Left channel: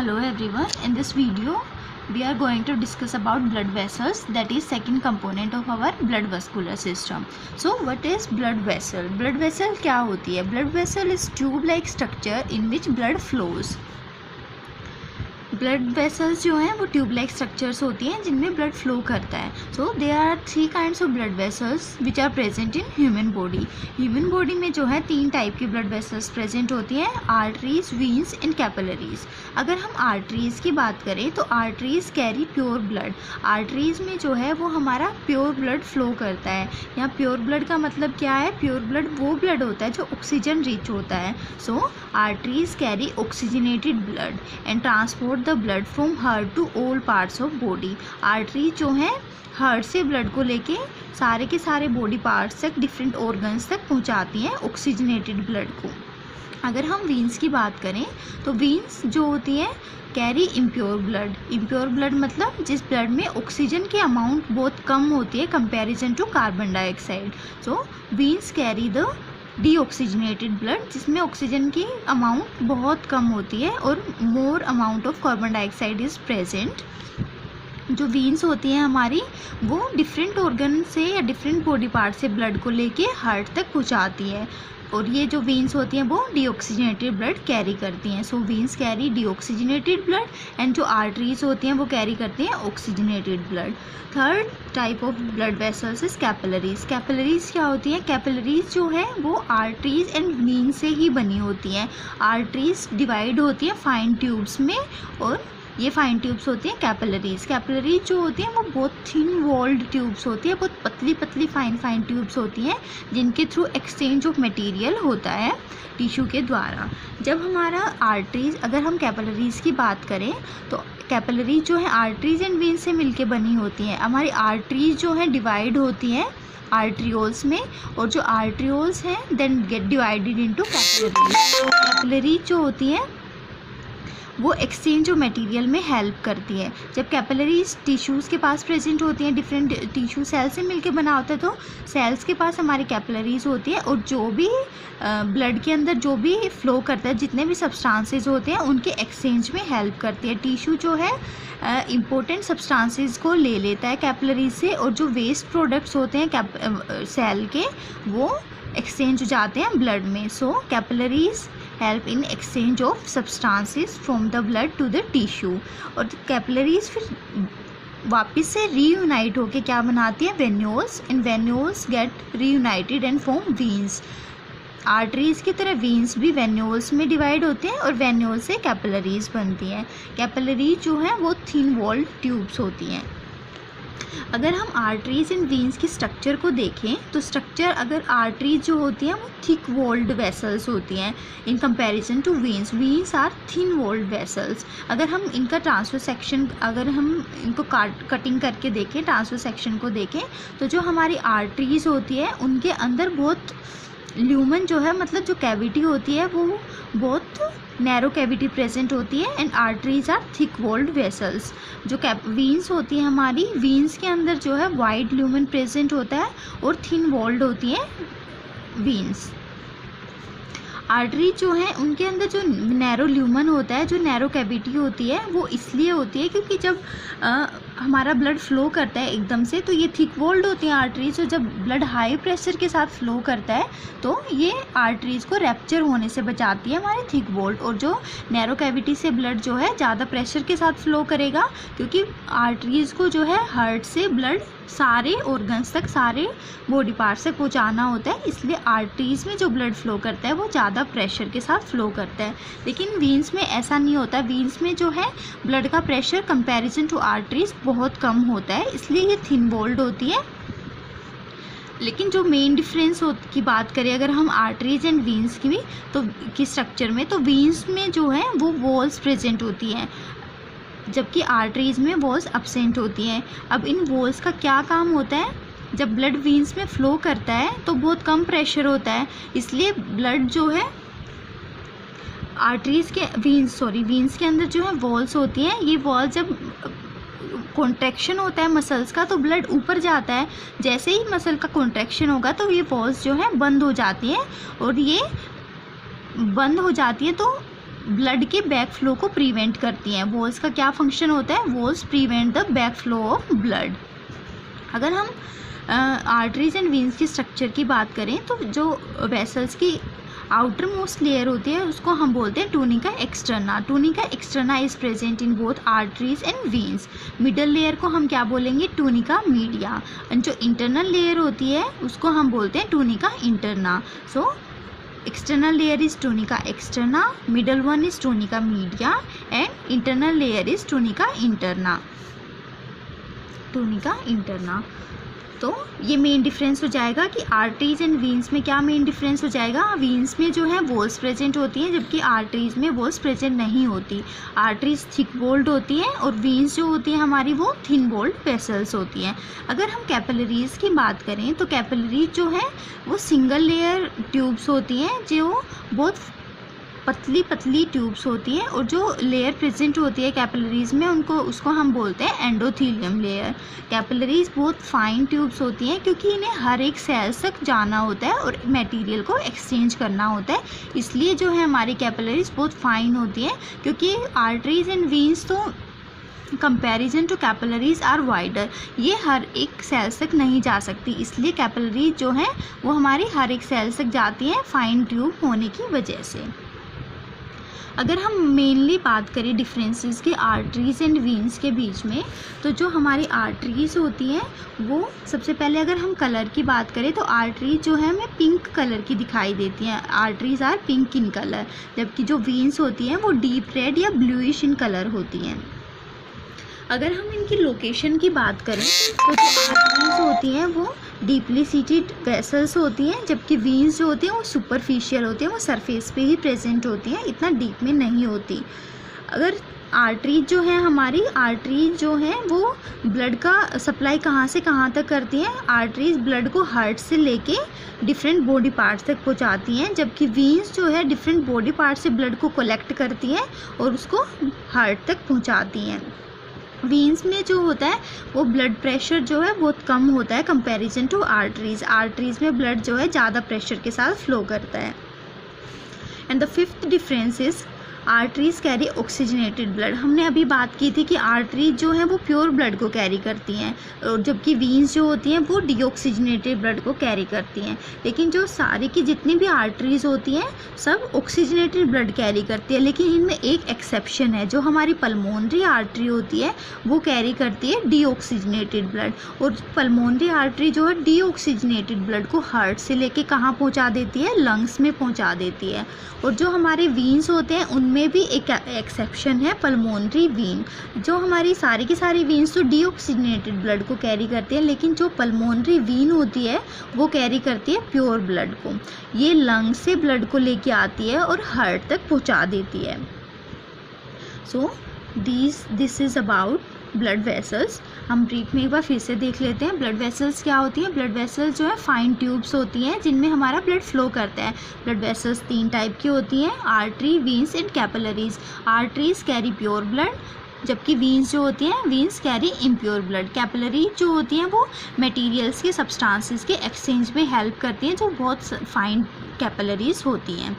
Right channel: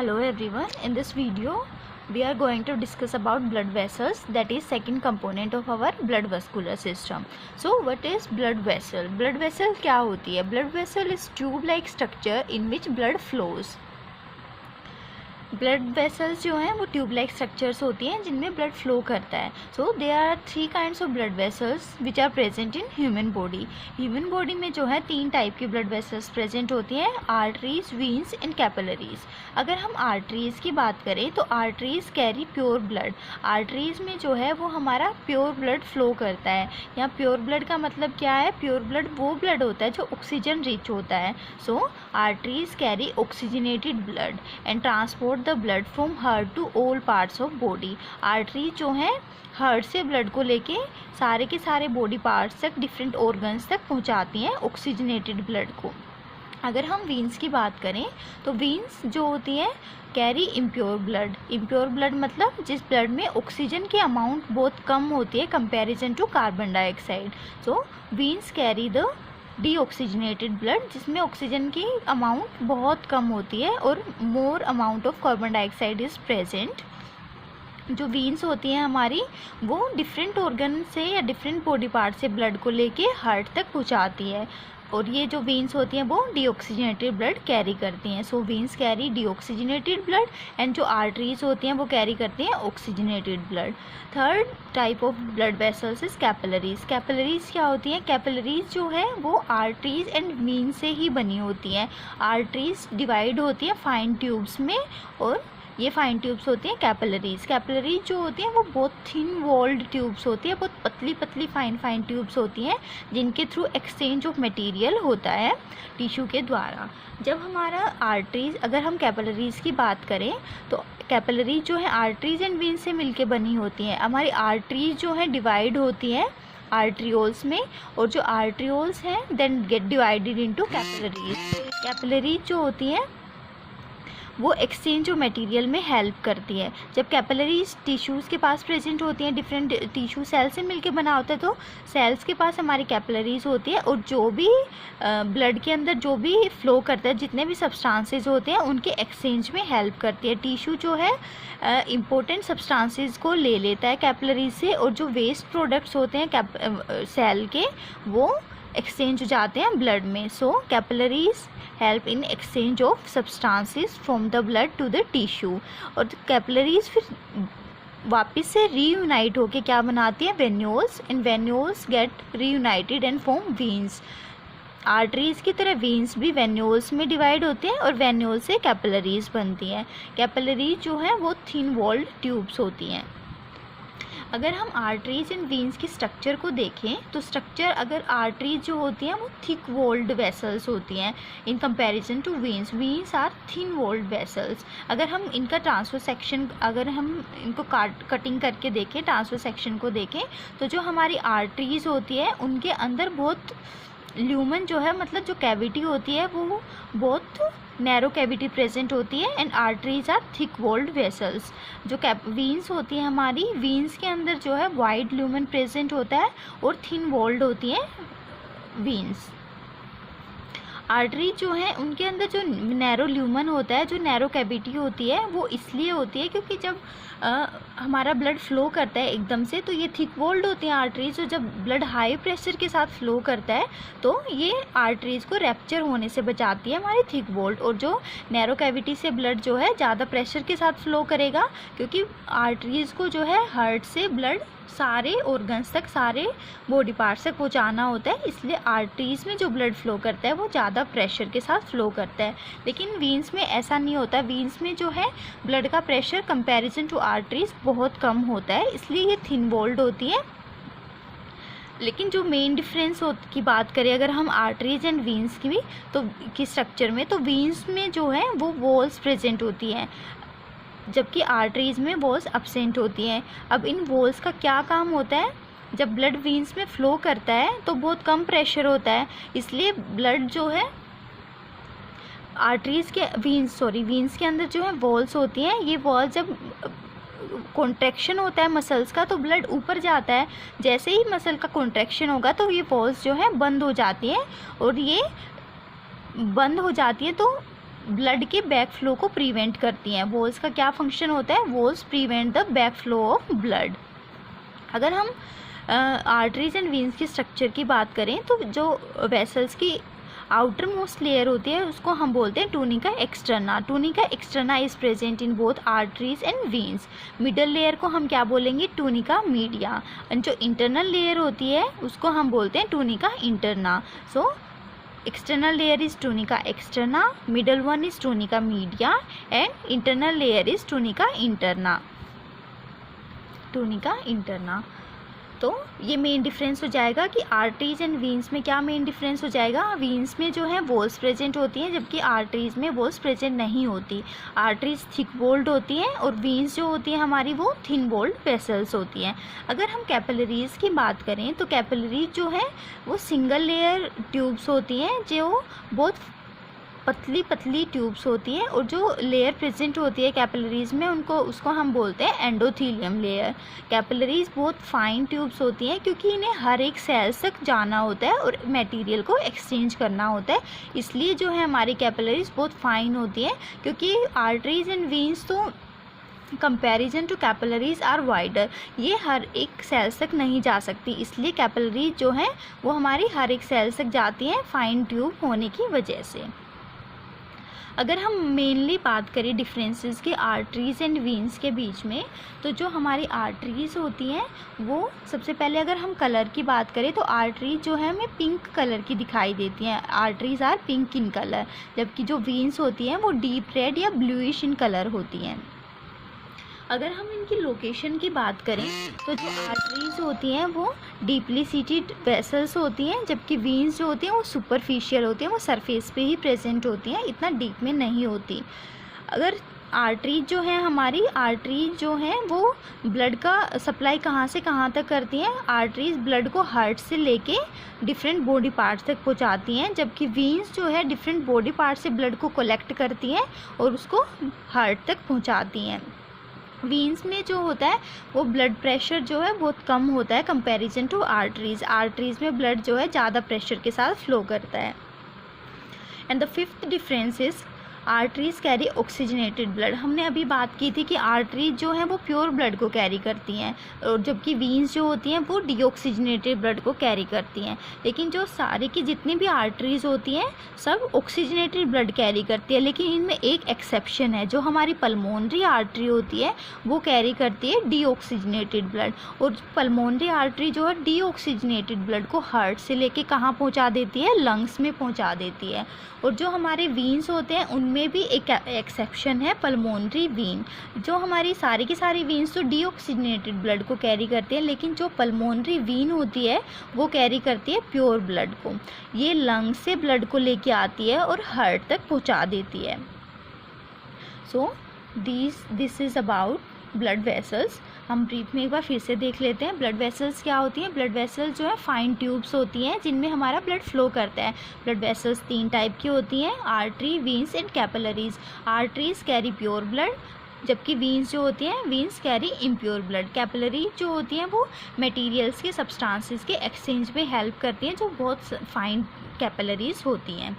Hello everyone, in this video we are going to discuss about blood vessels, that is second component of our blood vascular system. So what is blood vessel? Blood vessel क्या होती है? Blood vessel is tube like structure in which blood flows. Blood vessels जो हैं वो tube like structures होती हैं जिनमें blood flow करता है. So there are 3 kinds of blood vessels which are present in human body. Human body में जो है 3 टाइप की ब्लड वेसल्स प्रेजेंट होती हैं, आर्टरीज, वीन्स एंड कैपिलरीज. अगर हम आर्टरीज की बात करें तो arteries carry pure blood. Arteries में जो है वो हमारा प्योर ब्लड फ्लो करता है. यहाँ प्योर ब्लड का मतलब क्या है? प्योर ब्लड वो ब्लड होता है जो ऑक्सीजन रिच होता है. So arteries carry oxygenated blood and transport the blood from heart to all parts of body. Artery जो है हार्ट से ब्लड को लेके सारे के सारे बॉडी पार्ट्स तक, डिफरेंट ऑर्गन्स तक पहुंचाती हैं ऑक्सीजनेटेड ब्लड को. अगर हम वीन्स की बात करें तो वीन्स जो होती है carry impure blood. Impure blood मतलब जिस ब्लड में ऑक्सीजन की अमाउंट बहुत कम होती है comparison to carbon dioxide. So veins carry the deoxygenated blood जिसमें ऑक्सीजन की अमाउंट बहुत कम होती है और more amount of carbon dioxide is present. जो वीन्स होती हैं हमारी वो डिफरेंट ऑर्गन से या डिफरेंट बॉडी पार्ट से ब्लड को लेके हार्ट तक पहुंचाती है और ये जो वीन्स होती हैं वो डीऑक्सीजनेटेड ब्लड कैरी करती हैं. So veins carry deoxygenated blood and जो आर्टरीज होती हैं वो कैरी करती हैं oxygenated blood. Third type of blood vessels is capillaries. Capillaries क्या होती हैं? कैपिलरीज जो है वो आर्टरीज एंड वीन से ही बनी होती हैं. आर्टरीज डिवाइड होती हैं फाइन ट्यूब्स में और ये फाइन ट्यूब्स होती हैं कैपिलरीज. कैपिलरीज जो होती हैं वो बहुत थिन वॉल्ड ट्यूब्स होती है, बहुत पतली पतली फाइन ट्यूब्स होती हैं जिनके थ्रू एक्सचेंज ऑफ मटेरियल होता है टिश्यू के द्वारा. जब हमारा आर्टरीज, अगर हम कैपिलरीज की बात करें तो कैपिलरीज जो है आर्टरीज एंड वेन्स से मिलके बनी होती हैं. हमारी आर्टरीज जो है डिवाइड होती हैं आर्ट्रियोल्स में और जो आर्ट्रियोल्स हैं then get divided into capillaries. Capillaries जो होती हैं वो एक्सचेंज ऑफ मटेरियल में हेल्प करती है. जब कैपिलरीज टिश्यूज़ के पास प्रेजेंट होती हैं, डिफरेंट टिश्यू सेल से मिलके बना होता है तो सेल्स के पास हमारी कैपिलरीज होती है और जो भी ब्लड के अंदर जो भी फ्लो करता है, जितने भी सब्सटेंसेस होते हैं उनके एक्सचेंज में हेल्प करती है. टिश्यू जो है इम्पोर्टेंट सब्सटेंसेस को ले लेता है कैपिलरीज से और जो वेस्ट प्रोडक्ट्स होते हैं सेल के वो एक्सचेंज हो जाते हैं ब्लड में. So capillaries help in exchange of substances from the blood to the tissue. और कैपिलरीज फिर वापस से रीयूनाइट होके क्या बनाती है? Venules. And venules get reunited and form veins. Arteries की तरह वीन्स भी वेन्यूल्स में डिवाइड होते हैं और वेन्यूल्स से कैपिलरीज बनती हैं. कैपिलरीज जो है वो थिन वॉल्ड ट्यूब्स होती हैं. अगर हम आर्टरीज एंड वीन्स की स्ट्रक्चर को देखें तो स्ट्रक्चर, अगर आर्टरीज जो होती हैं वो थिक वॉल्ड वेसल्स होती हैं in comparison to veins. Veins are thin walled vessels. अगर हम इनका ट्रांसफर सेक्शन, अगर हम इनको कटिंग करके देखें, ट्रांसफर सेक्शन को देखें तो जो हमारी आर्टरीज होती है उनके अंदर बहुत ल्यूमन जो है, मतलब जो कैविटी होती है वो बहुत नैरो कैविटी प्रेजेंट होती है and arteries are thick walled vessels. जो वीन्स होती है हमारी, वीन्स के अंदर जो है वाइड ल्यूमन प्रेजेंट होता है और थिन वॉल्ड होती हैं वीन्स. आर्टरी जो है उनके अंदर जो नैरो ल्यूमन होता है, जो नैरो कैविटी होती है वो इसलिए होती है क्योंकि जब हमारा ब्लड फ्लो करता है एकदम से तो ये थिक वॉल्ड होती हैं आर्टरीज. और जब ब्लड हाई प्रेशर के साथ फ्लो करता है तो ये आर्टरीज को रैप्चर होने से बचाती है हमारी थिक वॉल्ड. और जो नैरो कैविटी से ब्लड जो है ज़्यादा प्रेशर के साथ फ्लो करेगा क्योंकि आर्टरीज को जो है हार्ट से ब्लड सारे ऑर्गन्स तक, सारे बॉडी पार्ट्स तक पहुंचाना होता है, इसलिए आर्टरीज में जो ब्लड फ्लो करता है वो ज़्यादा प्रेशर के साथ फ्लो करता है. लेकिन वीन्स में ऐसा नहीं होता. वीन्स में जो है ब्लड का प्रेशर कंपैरिजन टू आर्टरीज बहुत कम होता है, इसलिए ये थिन वॉल्ड होती है. लेकिन जो मेन डिफरेंस की बात करें अगर हम आर्टरीज एंड वीन्स की तो की स्ट्रक्चर में, तो वीन्स में जो है वो वॉल्स प्रेजेंट होती हैं जबकि आर्टरीज में वॉल्स एब्सेंट होती हैं. अब इन वॉल्स का क्या काम होता है? जब ब्लड वीन्स में फ्लो करता है तो बहुत कम प्रेशर होता है, इसलिए ब्लड जो है आर्टरीज के वीन्स के अंदर जो है वॉल्स होती हैं. ये वॉल्स जब कॉन्ट्रैक्शन होता है मसल्स का तो ब्लड ऊपर जाता है. जैसे ही मसल का कॉन्ट्रैक्शन होगा तो ये वॉल्स जो है बंद हो जाती हैं और ये बंद हो जाती है तो ब्लड के बैक फ्लो को प्रिवेंट करती हैं। वॉल्स का क्या फंक्शन होता है? Walls prevent the back flow of blood. अगर हम आर्टरीज एंड वेन्स की स्ट्रक्चर की बात करें तो जो वेसल्स की आउटर मोस्ट लेयर होती है उसको हम बोलते हैं tunica externa. Tunica externa is present in both arteries and veins. Middle layer को हम क्या बोलेंगे? Tunica media. एंड जो इंटरनल लेयर होती है उसको हम बोलते हैं tunica interna. So external layer is tunica externa, middle one is tunica media and internal layer is tunica interna. tunica interna। तो ये मेन डिफरेंस हो जाएगा कि आर्टरीज एंड वीन्स में क्या मेन डिफरेंस हो जाएगा? वीन्स में जो है वॉल्स प्रेजेंट होती हैं जबकि आर्टरीज में वॉल्स प्रेजेंट नहीं होती। आर्टरीज थिक वॉल्ड होती हैं और वीन्स जो होती हैं हमारी वो थिन वॉल्ड वेसल्स होती हैं। अगर हम कैपिलरीज की बात करें तो कैपिलरीज जो है वो सिंगल लेयर ट्यूब्स होती हैं जो बहुत पतली पतली ट्यूब्स होती है और जो लेयर प्रेजेंट होती है कैपिलरीज में उसको हम बोलते हैं एंडोथीलियम लेयर। कैपिलरीज बहुत फाइन ट्यूब्स होती हैं क्योंकि इन्हें हर एक सेल्स तक जाना होता है और मटेरियल को एक्सचेंज करना होता है, इसलिए जो है हमारी कैपिलरीज बहुत फाइन होती हैं। क्योंकि आर्टरीज एंड वेन्स तो comparison to capillaries are wider, ये हर एक सेल्स तक नहीं जा सकती, इसलिए कैपिलरीज जो है वो हमारी हर एक सेल्स तक जाती हैं फाइन ट्यूब होने की वजह से। अगर हम मेनली बात करें डिफरेंसेस की आर्टरीज एंड वेन्स के बीच में, तो जो हमारी आर्टरीज होती हैं वो सबसे पहले अगर हम कलर की बात करें तो आर्टरीज जो है हमें पिंक कलर की दिखाई देती हैं। Arteries are pink in colour, जबकि जो वेन्स होती हैं वो डीप रेड या ब्लूइश इन कलर होती हैं। अगर हम इनकी लोकेशन की बात करें तो जो आर्टरीज होती हैं वो डीपली सीटेड वेसल्स होती हैं, जबकि वेन्स जो होती हैं वो सुपरफिशियल होती हैं, वो सरफेस पे ही प्रेजेंट होती हैं, इतना डीप में नहीं होती। अगर आर्टरीज जो है हमारी आर्टरीज जो है वो ब्लड का सप्लाई कहाँ से कहाँ तक करती हैं? आर्टरीज ब्लड को हार्ट से लेके डिफरेंट बॉडी पार्ट्स तक पहुँचाती हैं, जबकि वेन्स जो है डिफरेंट बॉडी पार्ट्स से ब्लड को कलेक्ट करती हैं और उसको हार्ट तक पहुँचाती हैं। वेन्स में जो होता है वो ब्लड प्रेशर जो है बहुत कम होता है कंपैरिजन टू आर्टरीज। आर्टरीज में ब्लड जो है ज़्यादा प्रेशर के साथ फ्लो करता है। And the fifth difference is arteries carry oxygenated blood. हमने अभी बात की थी कि आर्टरीज जो है वो प्योर ब्लड को कैरी करती हैं और जबकि वेन्स जो होती हैं वो डीऑक्सीजनेटेड ब्लड को कैरी करती हैं। लेकिन जो सारे की जितनी भी आर्टरीज होती हैं सब ऑक्सीजनेटेड ब्लड कैरी करती है, लेकिन इनमें एक एक्सेप्शन है। जो हमारी पल्मोनरी आर्टरी होती है वो कैरी करती है डीऑक्सीजनेटेड ब्लड, और पल्मोनरी आर्टरी जो है डीऑक्सीजनेटेड ब्लड को हार्ट से लेके कहाँ पहुँचा देती है? लंग्स में पहुँचा देती है। और जो हमारे वेन्स होते हैं उनमें भी एक एक्सेप्शन है, पल्मोनरी वेन। जो हमारी सारी की सारी वेन्स तो डीऑक्सीजनेटेड ब्लड को कैरी करती हैं, लेकिन जो पल्मोनरी वेन होती है वो कैरी करती है प्योर ब्लड को। ये लंग से ब्लड को लेके आती है और हार्ट तक पहुंचा देती है। So this is about blood vessels. हम ब्रीफ में एक बार फिर से देख लेते हैं ब्लड वेसल्स क्या होती हैं। ब्लड वेसल्स जो है फाइन ट्यूब्स होती हैं जिनमें हमारा ब्लड फ्लो करता है। ब्लड वेसल्स 3 टाइप की होती हैं, artery, veins and capillaries. Arteries carry pure blood, जबकि वेन्स जो होती हैं veins carry impure blood. Capillary जो होती हैं वो मटेरियल्स के सब्सटेंसेस के एक्सचेंज में हेल्प करती हैं, जो बहुत फाइन कैपिलरीज होती हैं।